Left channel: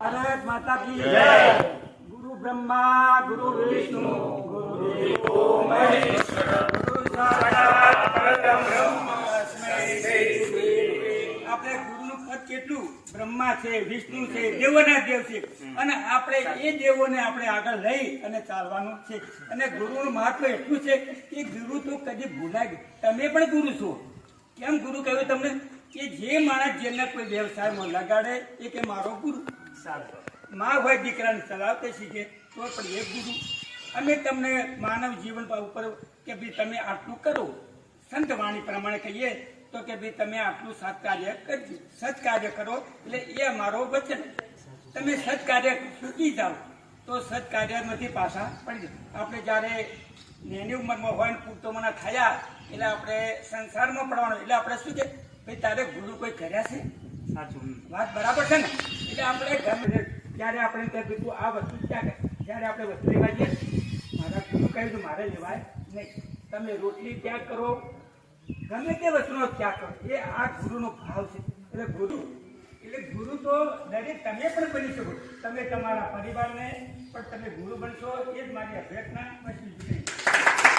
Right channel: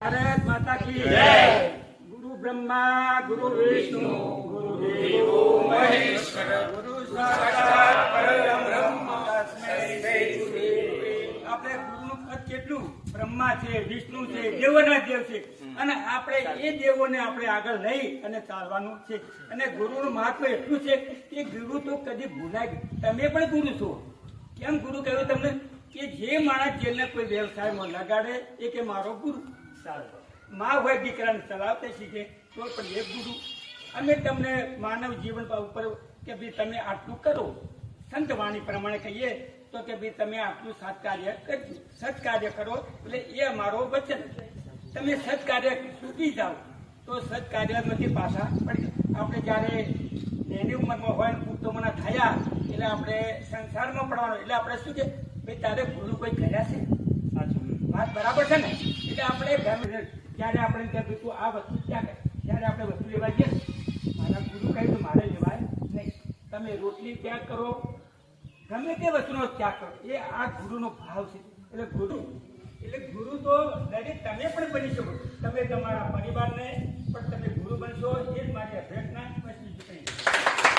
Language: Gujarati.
भारत माता की जय। गुरु ब्रह्मा गुरु विष्णु गुरु देवो महेश्वर गुरु साक्षात परब्रह्म तस्मै श्री गुरुवे नमः। આપણે ગુરુનું પદ કેટલું બ્રહ્મા છે, વિષ્ણુ છે, દેવોના દેવ છે અને આપણે એ દેવોને આપણે આગળ લઈ અને ચાલવાનું છે. અને ગુરુનું મહત્વ એટલું છે કે ગુરુ તો કદી ભૂલાય. તમે પણ ગુરુ છો. કેમ ગુરુ કહ્યું તમને? કે જે માણસ જેને કોઈ વ્યવસાયમાં લગાડે એ કે મારો ગુરુ. માં હોય દીકરાને ચલાવતા શીખે તો પણ એક ગુરુ. અમે તમને માનવ જીવન ઉપર કે ભાઈ તમે આટલું કરો, સંત વાણી પ્રમાણે કહીએ તો કે ભાઈ તમે આટલું સત્કાર્ય કરજો, સત્કાર્ય કરો એટલે એ અમારો વચન. તમે સત્કાર્ય ચૂકી જાઓ તો સત્કાર્યમાંથી પાછા પડી જાય. આપણે જ્યારે નાની ઉંમરમાં હોય ને પુખ્તોમાં થયા એટલે આપણે સંસારમાં પડવાનું એટલે આપણે શું કે ભાઈ તારે ગુરુ કોઈ કર્યા છે? સાચું વાત બરાબર છે ને? એટલે આપણે ગમે ત્યારે આપણે તું આ વસ્તુ ક્યાં કરે, જ્યારે આપણે વસ્તુ લેવા જઈએ મારા ગુરુ કહ્યું તો મારે લેવાય નહીં. તમે રોટલી ત્યાગ કરો, ગમે તે વસ્તુનો ત્યાગ કરો, એ આ ગુરુનો ભાવ છે. એટલે ગુરુ તો દરેક તમે પણ બની શકો. તમે તમારા પરિવારને પણ તમે ગુરુ બનશો. એ જ મારી અભ્યર્થના. બસ બીજું કંઈ.